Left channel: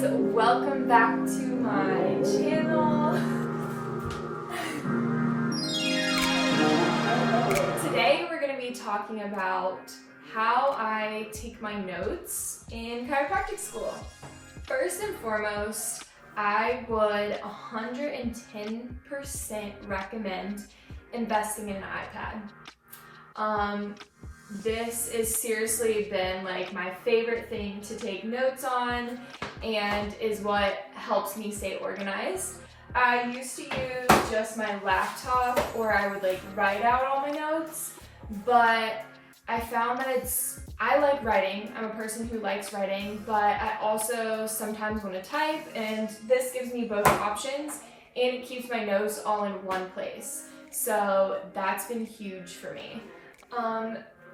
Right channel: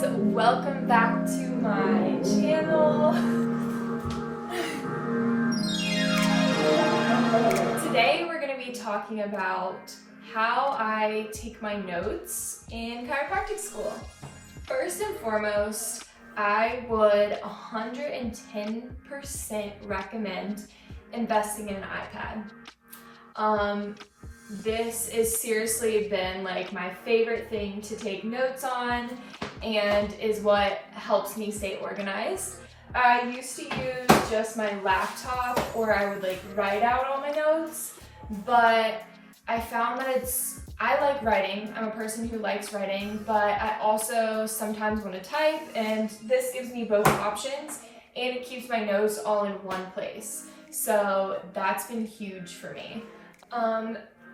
guys, welcome back to my channel. Today we're going to be talking about how I take my notes in chiropractic school. First and foremost, I would 110% recommend investing in an iPad. This has seriously been like my favorite thing to take notes on and is what helps me stay organized. I used to use just my laptop or I would like write out all my notes, but I found that I like writing. I'm a person who likes writing, but I also sometimes want to type, and this gives me both options and it keeps my notes all in one place. So that's been huge for me.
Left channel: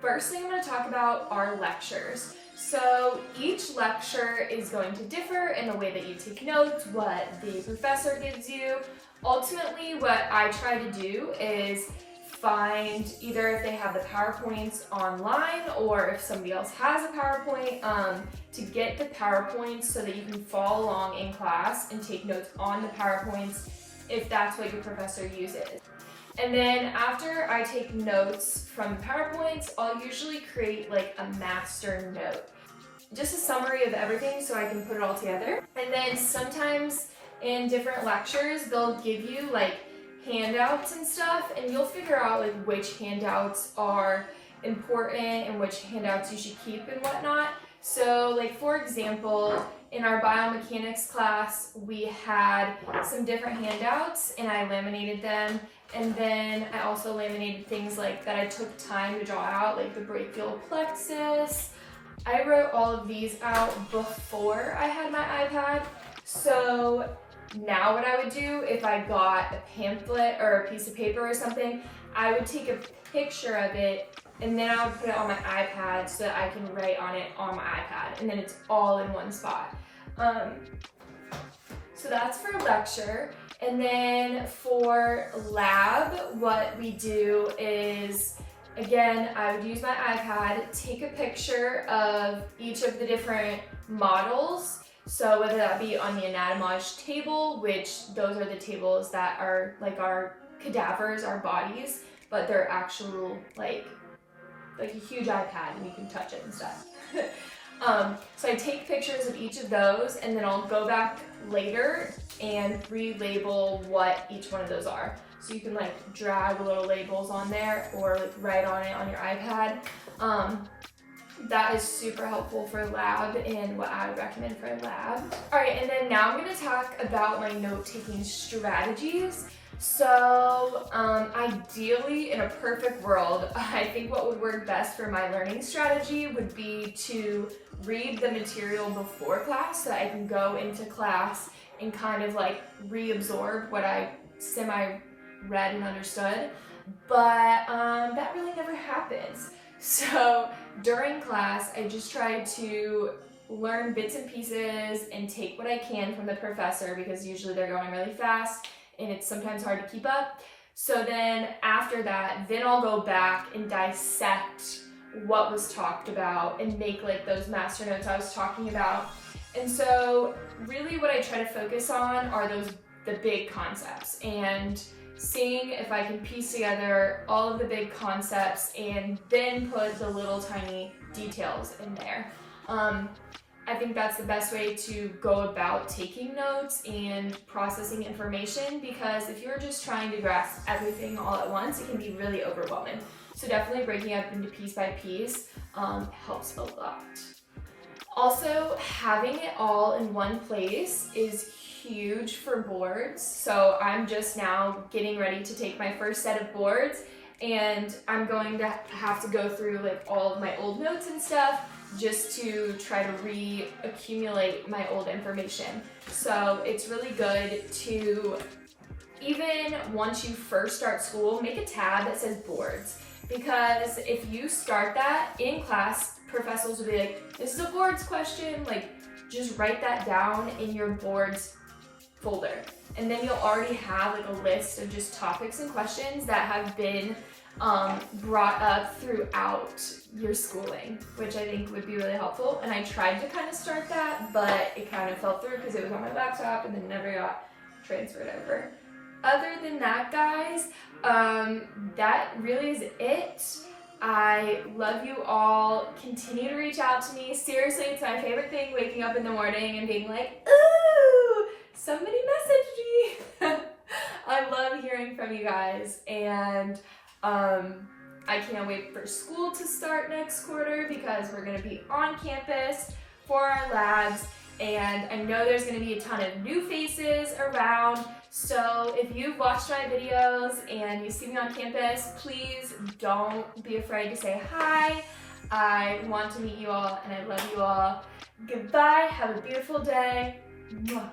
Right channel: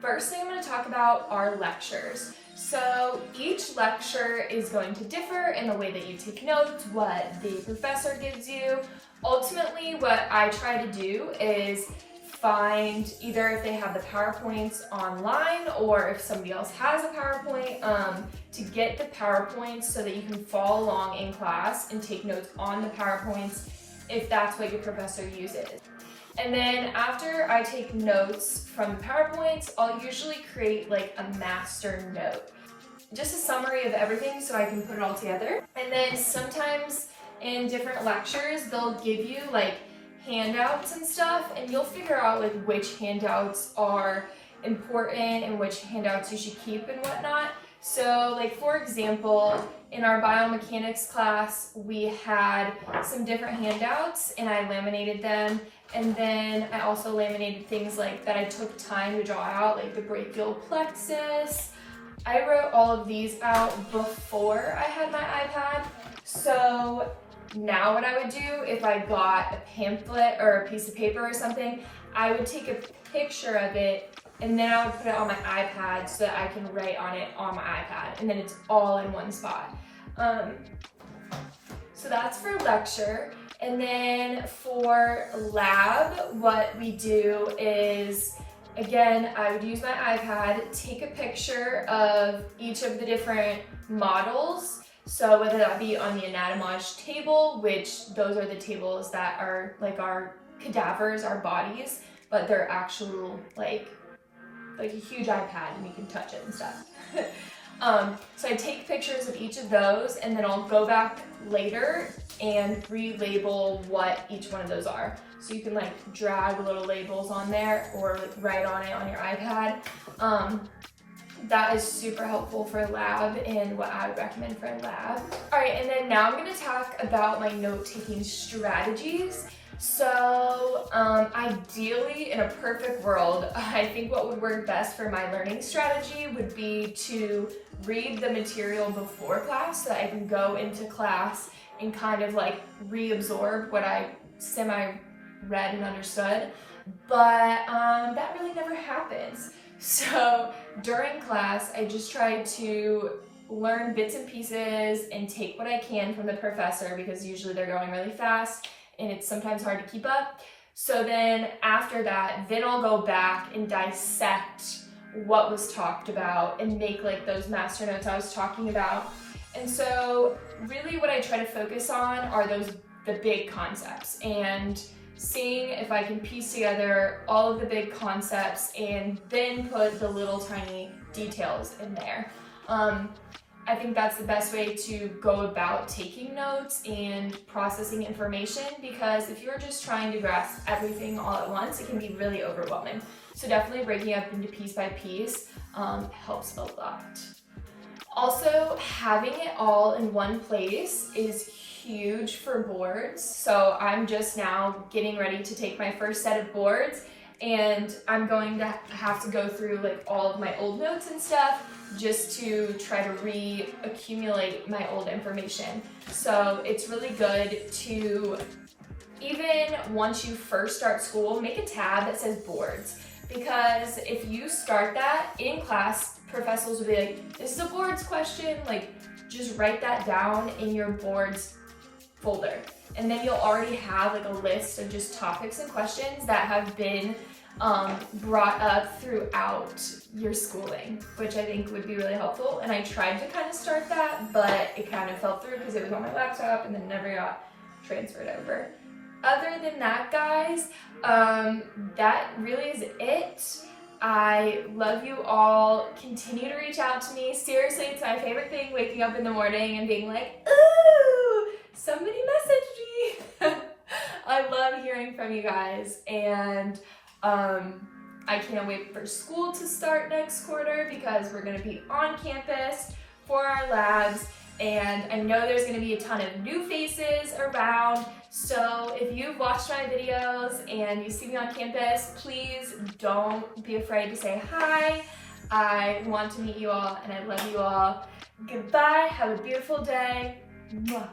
First thing I'm going to talk about are lectures. So each lecture is going to differ in the way that you take notes, what the professor gives you. Ultimately, what I try to do is find either if they have the PowerPoints online or if somebody else has a PowerPoint, to get the PowerPoints so that you can follow along in class and take notes on the PowerPoints if that's what your professor uses. And then after I take notes from PowerPoints, I'll usually create like a master note. Just a summary of everything so I can put it all together. And then sometimes in different lectures, they'll give you like handouts and stuff, and you'll figure out like which handouts are important and which handouts you should keep and whatnot. So like for example, in our biomechanics class, we had some different handouts and I laminated them. And then I also laminated things like that I took time to draw out, like the brachial plexus. I wrote all of these out before I had my iPad. So now what I would do if I got a pamphlet or a piece of paper or something, I would take a picture of it and then I would put it on my iPad so that I can write on it on my iPad, and then it's all in one spot. So that's for lecture. And then for lab, what we do is, again, I would use my iPad, take a picture of each of the different models. So whether that be on the anatomage table, which those are the tables that are like our cadavers, our bodies, but they're actual like a huge iPad and you can touch it and stuff. So I take pictures of each of those and then I'll go back later and relabel what each one of those are. So you can like drag little labels on there or like write on it on your iPad. That is super helpful for lab and what I would recommend for lab. All right, and then now I'm gonna talk about my note-taking strategies. So ideally, in a perfect world, I think what would work best for my learning strategy would be to read the material before class so that I can go into class and kind of like reabsorb what I semi-read and understood. But that really never happens. So during class, I just try to learn bits and pieces and take what I can from the professor because usually they're going really fast and it's sometimes hard to keep up. So then after that, then I'll go back and dissect what was talked about and make like those master notes I was talking about. And so really what I try to focus on are the big concepts and seeing if I can piece together all of the big concepts and then put the little tiny details in there. I think that's the best way to go about taking notes and processing information, because if you're just trying to grasp everything all at once, it can be really overwhelming. So definitely breaking up into piece by piece helps a lot. Also, having it all in one place is huge for boards. So I'm just now getting ready to take my first set of boards, and I'm going to have to go through like all of my old notes and stuff just to try to reaccumulate my old information. So it's really good to, even once you first start school, make a tab that says boards, because if you start that in class, professors will be like, this is a boards question, like just write that down in your boards folder. And then you'll already have like a list of just topics and questions that have been brought up throughout your schooling, which I think would be really helpful. And I tried to kind of start that, but it kind of fell through because it was on my laptop and then never got transferred over. Other than that, guys, that really is it. I love you all. Continue to reach out to me. Seriously, it's my favorite thing, waking up in the morning and being like, ooh, somebody messaged me. I love hearing from you guys, and I can't wait for school to start next quarter because we're going to be on campus for our labs, and I know there's going to be a ton of new faces around. So if you've watched my videos and you see me on campus, please don't be afraid to say hi. I want to meet you all and I love you all. Goodbye. Have a beautiful day. Mwah.